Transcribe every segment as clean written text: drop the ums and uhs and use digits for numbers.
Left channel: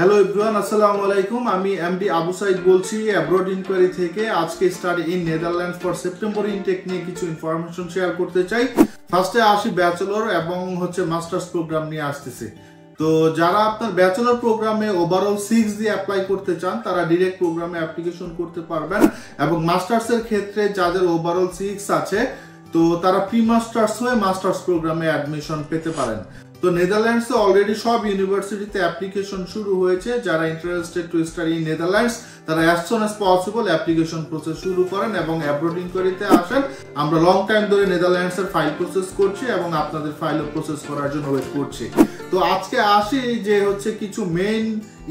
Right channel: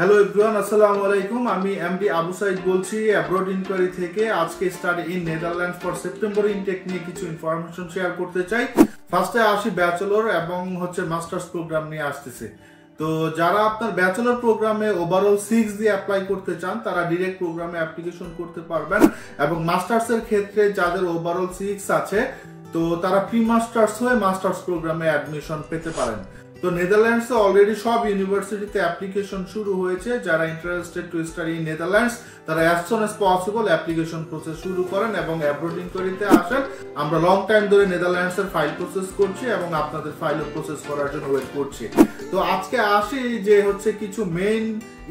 Hello everyone, আসসালামু আলাইকুম। আমি এমডি আবু সাইদ বলছি অ্যাব্রড ইনকোয়ারি থেকে। আজকে study in Netherlands for September intact নিয়ে কিছু ইনফরমেশন শেয়ার করতে চাই। ফার্স্টে আসি ব্যাচেলর এবং মাস্টার্স প্রোগ্রাম নিয়ে আসতেছে। তো যারা আপনার ব্যাচেলর প্রোগ্রামে ওভারঅল 6 দিয়ে অ্যাপ্লাই করতে চান তারা ডিরেক্ট প্রোগ্রামে অ্যাপ্লিকেশন করতে পারবেন, এবং মাস্টার্সের ক্ষেত্রে যাদের ওভারঅল 6 আছে তো তারা প্রি মাস্টার্স হয়ে মাস্টার্স প্রোগ্রামে অ্যাডমিশন পেতে পারেন। তো নেদারল্যান্ডসে অলরেডি সব ইউনিভার্সিটিতে অ্যাপ্লিকেশন শুরু হয়েছে। যারা interested to study in Netherlands তারা as soon as possible application process শুরু করেন এবং অ্যাব্রড ইনকোয়ারিতে আসেন। আমরা লং টাইম ধরে নেদারল্যান্ডসের ফাইল প্রসেস করছি এবং আপনাদের ফাইলও প্রসেস করার জন্য ওয়েট করছি। তো আজকে আসি যে কিছু মেইন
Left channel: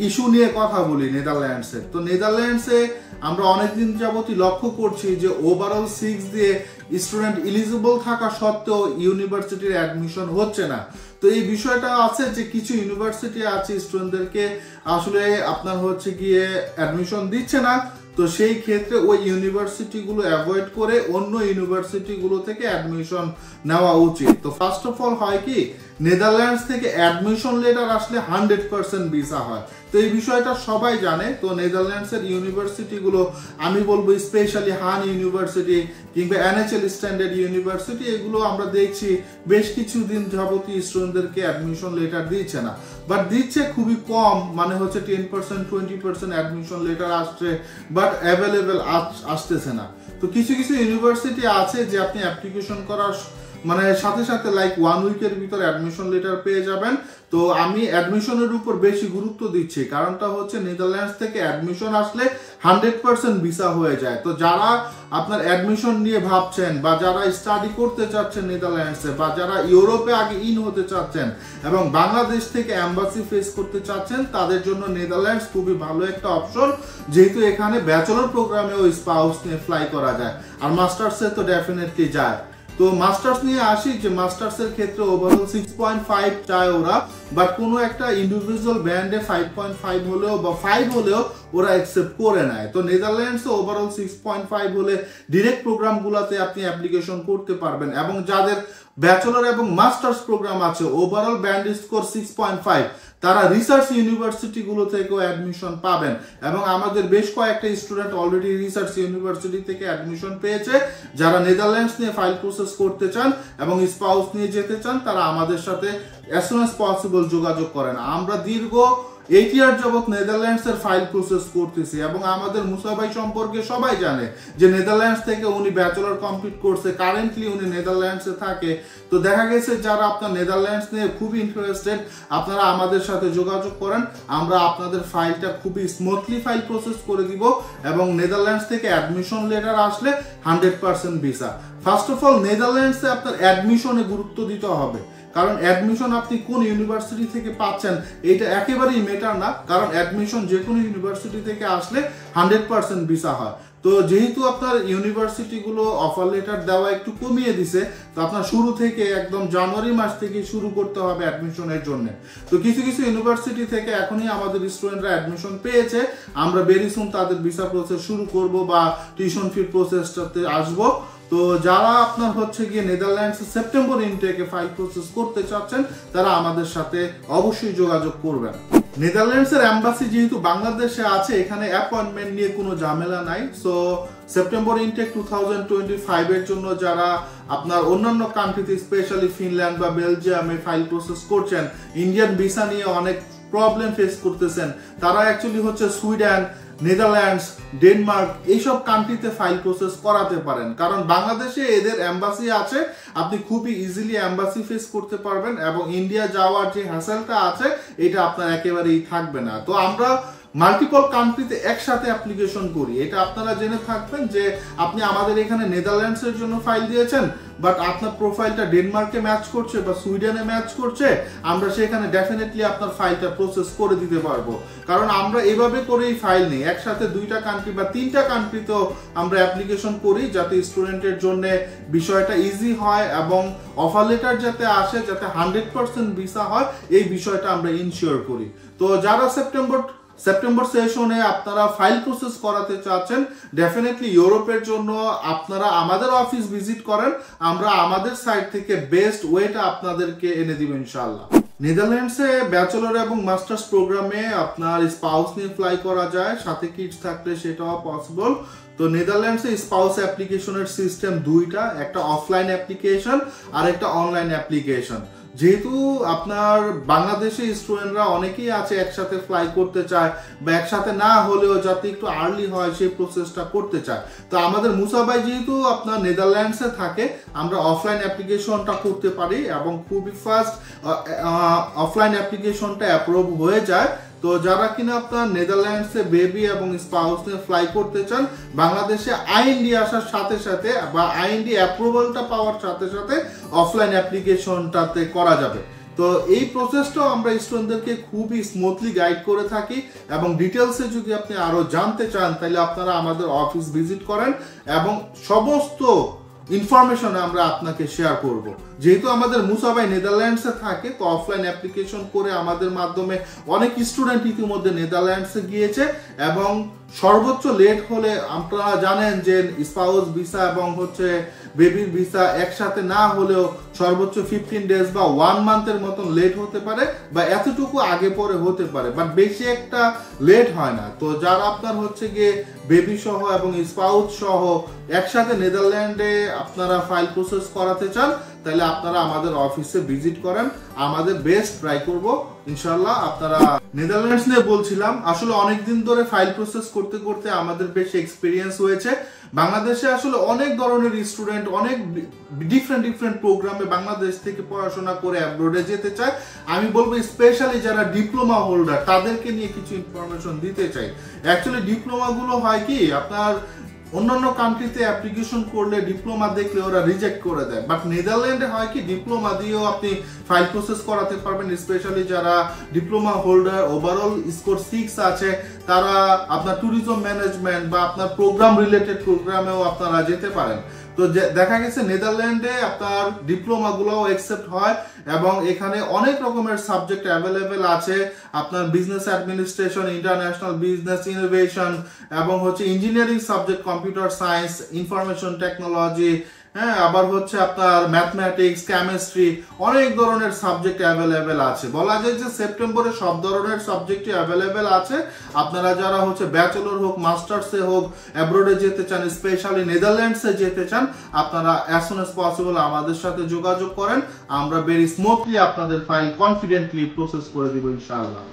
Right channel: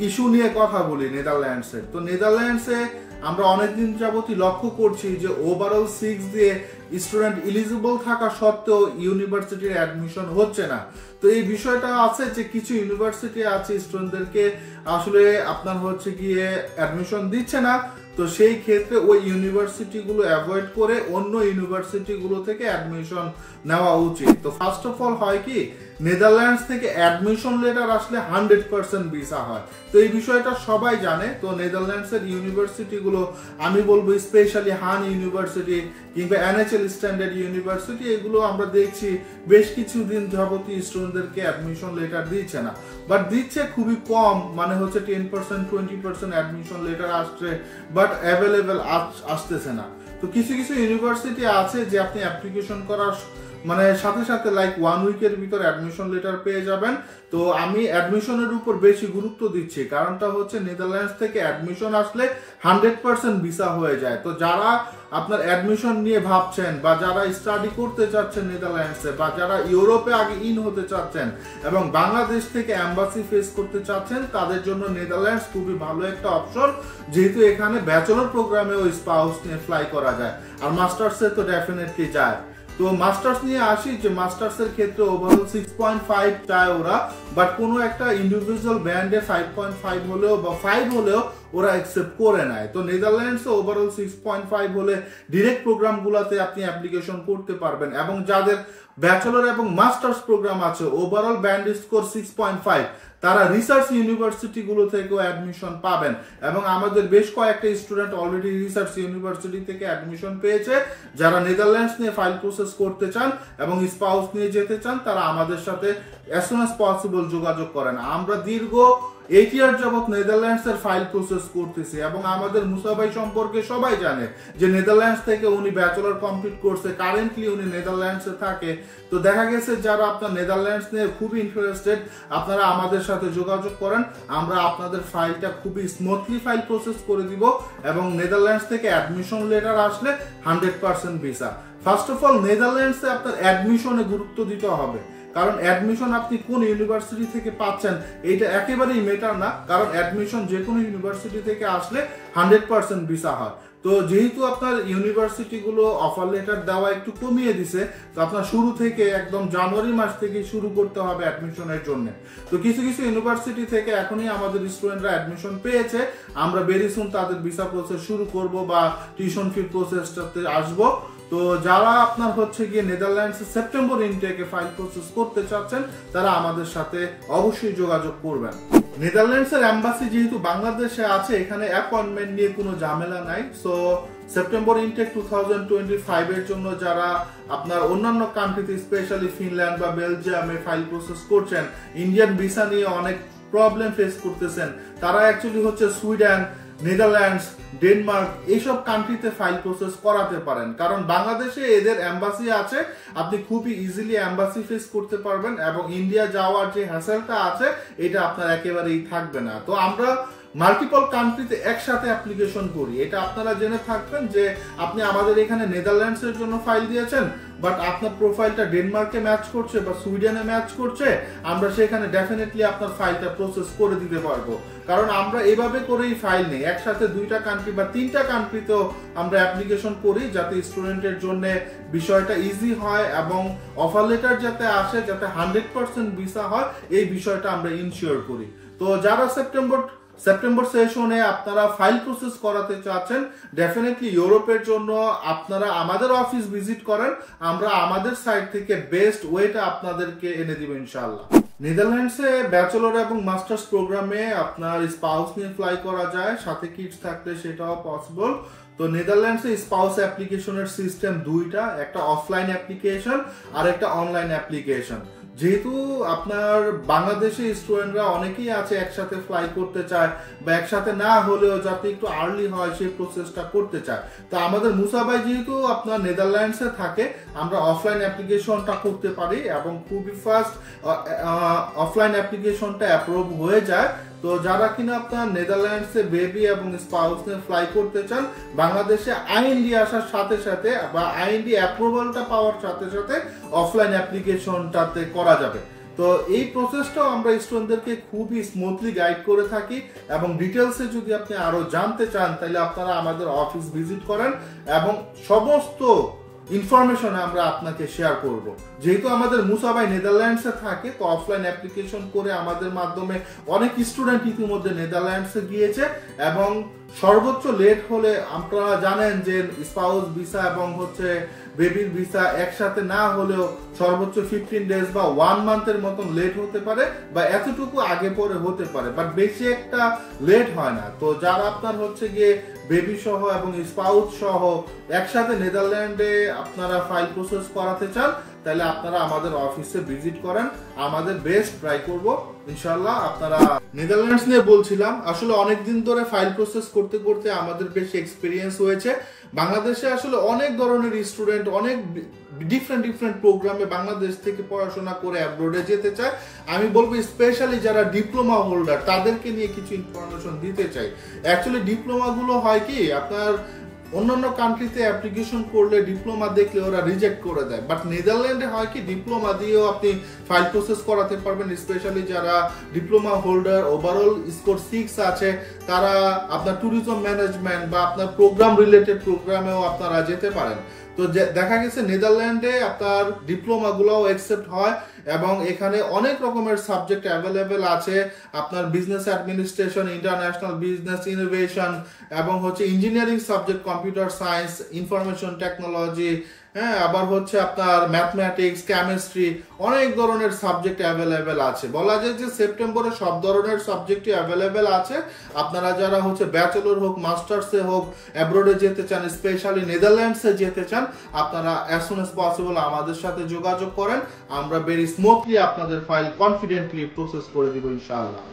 ইস্যু নিয়ে কথা বলি নেদারল্যান্ডসে। তো নেদারল্যান্ডসে আমরা অনেকদিন যাবতই লক্ষ্য করছি যে ওভারঅল 6 দিয়ে স্টুডেন্ট এলিজিবল থাকা সত্ত্বেও ইউনিভার্সিটির অ্যাডমিশন হচ্ছে না। তো এই বিষয়টা আছে যে কিছু ইউনিভার্সিটি আছে স্টুডেন্টদেরকে আসলে আপনার গিয়ে অ্যাডমিশন দিচ্ছে না। তো সেই ক্ষেত্রে ওই ইউনিভার্সিটি গুলো অ্যাভয়েড করে অন্য ইউনিভার্সিটি গুলো থেকে অ্যাডমিশন নেওয়া উচিত। তো ফার্স্ট অফ অল হয় কি, নেদারল্যান্ডস থেকে অ্যাডমিশন লেটার আসলে 100% ভিসা হয়। তো এই বিষয়টা সবাই জানে। তো নেদারল্যান্ডস এর ইউনিভার্সিটি গুলো আমি বলবো স্পেশালি হান ইউনিভার্সিটি কিংবা এনএচএল স্ট্যান্ডার্ড ইউনিভার্সিটি, এগুলো আমরা দেখছি বেশ কিছুদিন যাবতীয় স্টুডেন্টদেরকে অ্যাডমিশন লেটার দিচ্ছে না, বাট দিচ্ছে খুবই কম, 10% 20% অ্যাডমিশন লেটার আসছে, বাট অ্যাভেলেবেল আসতেছে না। তো কিছু কিছু ইউনিভার্সিটি আছে যে আপনি অ্যাপ্লিকেশন করার সাথে সাথে লাইক 1 উইকের ভিতর অ্যাডমিশন লেটার পেয়ে যাবেন। তো আমি অ্যাডমিশনের উপর বেশি গুরুত্ব দিচ্ছি, কারণটা নেদারল্যান্ডস থেকে অ্যাডমিশন আসলে 100% ভিসা হয়ে যায়। তো যারা আপনার অ্যাডমিশন নিয়ে ভাবছেন বা যারা স্টাডি করতে চাচ্ছেন নেদারল্যান্ডসে, বা যারা ইউরোপে আগে ইন হতে চাচ্ছেন এবং বাংলাদেশ থেকে এম্বাসি ফেস করতে চাচ্ছেন, তাদের জন্য নেদারল্যান্ডস খুবই ভালো একটা অপশন, যেহেতু এখানে ব্যাচেলর প্রোগ্রামেও স্পাউস নিয়ে ফ্লাই করা যায়, আর মাস্টার্সে তো ডেফিনেটলি যায়। তো মাস্টার্স নিয়ে আসি যে মাস্টার্স এর ক্ষেত্রে ওভারঅল 6.5 চায় ওরা, বাট কোনো একটা ইন্ডিভিজুয়াল ব্যান্ডে 5.5 হলেও বা 5 হলেও ওরা অ্যাকসেপ্ট করে নেয়। তো নেদারল্যান্ডস ওভারঅল 6.5 হলে ডিরেক্ট প্রোগ্রাম গুলাতে আপনি অ্যাপ্লিকেশন করতে পারবেন, এবং যাদের ব্যাচেলর এবং মাস্টার্স প্রোগ্রাম আছে ওভারঅল ব্যান্ড স্কোর 6.5 তারা রিসার্চ ইউনিভার্সিটি গুলো থেকেও অ্যাডমিশন পাবেন, এবং আমাদের বেশ কয়েকটা স্টুডেন্ট অলরেডি রিসার্চ ইউনিভার্সিটি থেকে অ্যাডমিশন পেয়েছে। যারা নেদারল্যান্ডস নিয়ে ফাইল প্রসেস করতে চান এবং স্পাউস নিয়ে যেতে চান তারা আমাদের সাথে অ্যাজ সুন অ্যাজ পসিবল যোগাযোগ করেন। আমরা দীর্ঘ 8 ইয়ার যাবত নেদারল্যান্ডস এর ফাইল প্রসেস করতেছি, এবং আমাদের মুসা ভাই সম্পর্কে সবাই জানে যে নেদারল্যান্ডস থেকে উনি ব্যাচেলর কমপ্লিট করছে, কারেন্টলি উনি নেদারল্যান্ডসে থাকে। তো দেখা গেছে যারা আপনার নেদারল্যান্ডস নিয়ে খুবই ইন্টারেস্টেড আপনারা আমাদের সাথে যোগাযোগ করেন, আমরা আপনাদের ফাইলটা খুবই স্মুথলি ফাইল প্রসেস করে দিব, এবং নেদারল্যান্ডস থেকে অ্যাডমিশন লেটার আসলে 100% ভিসা। ফার্স্ট অফ অল নেদারল্যান্ডসে আপনার অ্যাডমিশনে গুরুত্ব দিতে হবে, কারণ অ্যাডমিশন আপনি কোন ইউনিভার্সিটি থেকে পাচ্ছেন এইটা একেবারেই ম্যাটার না, কারণ অ্যাডমিশন যে কোনো ইউনিভার্সিটি থেকে আসলে 100% ভিসা হয়। তো যেহেতু আপনার ইউনিভার্সিটি গুলো অফার লেটার দেওয়া একটু কমিয়ে দিছে, তো আপনার শুরু থেকে একদম জানুয়ারি মাস থেকে শুরু করতে হবে অ্যাডমিশনের জন্য। তো কিছু কিছু ইউনিভার্সিটি থেকে এখনই আমাদের স্টুডেন্টরা অ্যাডমিশন পেয়েছে, আমরা ভেরি সুন তাদের ভিসা প্রসেস শুরু করব বা টিউশন ফি প্রসেসটাতে আসবো। তো যারা আপনার গিয়ে নেদারল্যান্ডসে সেপ্টেম্বর ইনটেকে ফাইল প্রসেস করতে চাচ্ছেন তারা আমাদের সাথে অবশ্যই যোগাযোগ করবেন। নেদারল্যান্ডসের এম্বাসি যেহেতু বাংলাদেশে আছে, এখানে অ্যাপয়েন্টমেন্ট নিয়ে কোনো ঝামেলা নাই। সো সেপ্টেম্বর ইনটেক 2025 এর জন্য যারা আপনার অন্যান্য কান্ট্রিতে স্পেশালি ফিনল্যান্ড বা বেলজিয়ামে ফাইল প্রসেস করছেন, ইন্ডিয়ান ভিসা নিয়ে অনেক প্রবলেম ফেস করতেছেন, তারা অ্যাকচুয়ালি সুইডেন, নেদারল্যান্ডস, ডেনমার্ক এইসব কান্ট্রিতে ফাইল প্রসেস করাতে পারেন, কারণ বাংলাদেশে এদের এম্বাসি আছে, আপনি খুবই ইজিলি এম্বাসি ফেস করতে পারবেন, এবং ইন্ডিয়া যাওয়ার যে হ্যাসেলটা আছে এটা আপনার একেবারেই থাকবে না। তো আমরা মাল্টিপল কান্ট্রিতে একসাথে অ্যাপ্লিকেশন করি, এটা আপনারা জেনে থাকবেন যে আপনি আমাদের এখানে নেদারল্যান্ডস এর জন্য ফাইল দিয়েছেন, বাট আপনার প্রোফাইলটা ডেনমার্কে ম্যাচ করছে বা সুইডেনে ম্যাচ করছে, আমরা সেখানে ডেফিনেটলি আপনার ফাইলটা প্রসেস করে দিতে পারবো, কারণ আমরা এভাবে করেই ফাইল নেই, একসাথে 2টা কান্ট্রি বা 3টা কান্ট্রিতেও আমরা অ্যাপ্লিকেশন করি, যাতে স্টুডেন্টের জন্য বিষয়টা ইজি হয় এবং অফার লেটার যাতে আসে, যাতে 100% ভিসা হয়, এই বিষয়টা আমরা ইনশিওর করি। তো যারা সেপ্টেম্বর সেশনে আপনারা ফাইল প্রসেস করাতে চাচ্ছেন, ডেফিনেটলি ইউরোপের জন্য আপনারা আমাদের অফিস ভিজিট করেন, আমরা আমাদের সাইড থেকে বেস্ট ওয়েটা আপনাদেরকে এনে দিব ইনশাআল্লাহ। নেদারল্যান্ডসে ব্যাচেলর এবং মাস্টার্স প্রোগ্রামে আপনার স্পাউস নিয়ে ফ্লাই করা যায়, সাথে কিডস থাকলে সেটাও পসিবল। তো নেদারল্যান্ডসে স্পাউস অ্যাপ্লিকেশনের সিস্টেম দুইটা, একটা অফলাইন অ্যাপ্লিকেশন আর একটা অনলাইন অ্যাপ্লিকেশন। যেহেতু আপনার বাংলাদেশি স্টুডেন্টরা অনেকেই আছে একসাথে ফ্লাই করতে চায় বা একসাথে না হলেও যাতে একটু আর্লি হয় সেই প্রসেসটা করতে চায়, তো আমাদের মুসা ভাই যেহেতু আপনার নেদারল্যান্ডসে থাকে, আমরা অফলাইন অ্যাপ্লিকেশনটা করতে পারি এবং খুবই ফাস্ট অফলাইন অ্যাপ্লিকেশনটা অ্যাপ্রুভ হয়ে যায়। তো যারা কিনা আপনার নেদারল্যান্ডসে বেবি এবং স্পাউস নিয়ে ফ্লাই করতে চান, বাংলাদেশে আইএনডি আসার সাথে সাথে বা আইএনডি অ্যাপ্রুভালটা পাওয়ার সাথে সাথে অফলাইন অ্যাপ্লিকেশনটাতে করা যাবে। তো এই প্রসেসটাও আমরা স্টুডেন্টদেরকে খুবই স্মুথলি গাইড করে থাকি এবং ডিটেলসে যদি আপনি আরো জানতে চান তাহলে আপনারা আমাদের অফিস ভিজিট করেন এবং সমস্ত ইনফরমেশন আমরা আপনাকে শেয়ার করব। যেহেতু আমাদের মুসা ভাই নেদারল্যান্ডসে থাকে, তো অফলাইন অ্যাপ্লিকেশন করে আমাদের মাধ্যমে অনেক স্টুডেন্ট ইতিমধ্যে নেদারল্যান্ডসে গিয়েছে এবং সর্বোচ্চ লেট হলে আপনারা জানেন যে স্পাউস ভিসা এবং বেবির ভিসা একসাথে না হলেও সর্বোচ্চ 15 ডেজ বা 1 মান্থের মতন লেট হতে পারে বা এতটুকু আগে পরে হতে পারে, বাট বেশি একটা লেট হয় না। তো যারা আপনার গিয়ে বেবি সহ এবং স্পাউস সহ একসাথে নেদারল্যান্ডে আপনারা ফাইল প্রসেস করাতে চান, তাহলে আপনারা আমাদের অফিসে ভিজিট করেন, আমাদের বেস্ট ট্রাই করব ইনশাআল্লাহ। আপনারা নেদারল্যান্ডস নিয়ে বলছিলাম, আসলে অনেকদিন ধরে ফাইল প্রসেস করতে করতে আমাদের বেশ এক্সপিরিয়েন্স হয়েছে। বাংলাদেশে আসলে অনেক ধরনের স্টুডেন্ট অনেক ডিফারেন্ট প্রোগ্রামে বাংলাদেশ থেকে পড়াশোনা করে অ্যাব্রোডে যেতে চায়। আমি বলবো স্পেশালি যারা ডিপ্লোমা হোল্ডার তাদেরকে নিয়ে কিছু ইনফরমেশন দিতে চাই। অ্যাকচুয়ালি ডিপ্লোমা গুলো হয় কি, আপনার অন্যান্য কান্ট্রিতে অ্যাপ্লিকেশন করলে ডিপ্লোমা দেখলে ওরা রিজেক্ট করে দেয়, বাট নেদারল্যান্ডে হয় কি ডিপ্লোমা দিয়েও আপনি ফাইল প্রসেস করাতে পারবেন। স্পেশালি যারা ডিপ্লোমা হোল্ডার ওভারঅল স্কোর 6 আছে, তারা আপনার ট্যুরিজম ম্যানেজমেন্ট বা আপনার প্রোগ্রাম রিলেটেড প্রোগ্রামেও আপনারা যেতে পারেন। তো দেখা গেছে নেদারল্যান্ডে আপনার ডিপ্লোমা গুলোও অ্যাকসেপ্ট হয় এবং এখানে অনেক রকমের সাবজেক্ট অ্যাভেলেবেল আছে। আপনার business administration, international business, innovation এবং engineering subject, computer science, information technology, হ্যাঁ, আবার আপনার ম্যাথমেটিক্স, কেমিস্ট্রি, অনেক ধরনের সাবজেক্ট অ্যাভেলেবেল আছে। বলা যায় যে সেপ্টেম্বরে সব ধরনের সাবজেক্টই অ্যাভেলেবেল আছে। আপনারা যারা ব্যাচেলর হোক, মাস্টার্সে হোক, অ্যাব্রোডে যেতে চান, স্পেশালি নেদারল্যান্ডসে যেতে চান, আপনারা অ্যাজ সুন অ্যাজ পসিবল আমাদের সাথে যোগাযোগ করেন। আমরা ভেরি স্মুথলি আপনাদের ফাইল কনফিডেন্টলি প্রসেস করে দিব ইনশাআল্লাহ।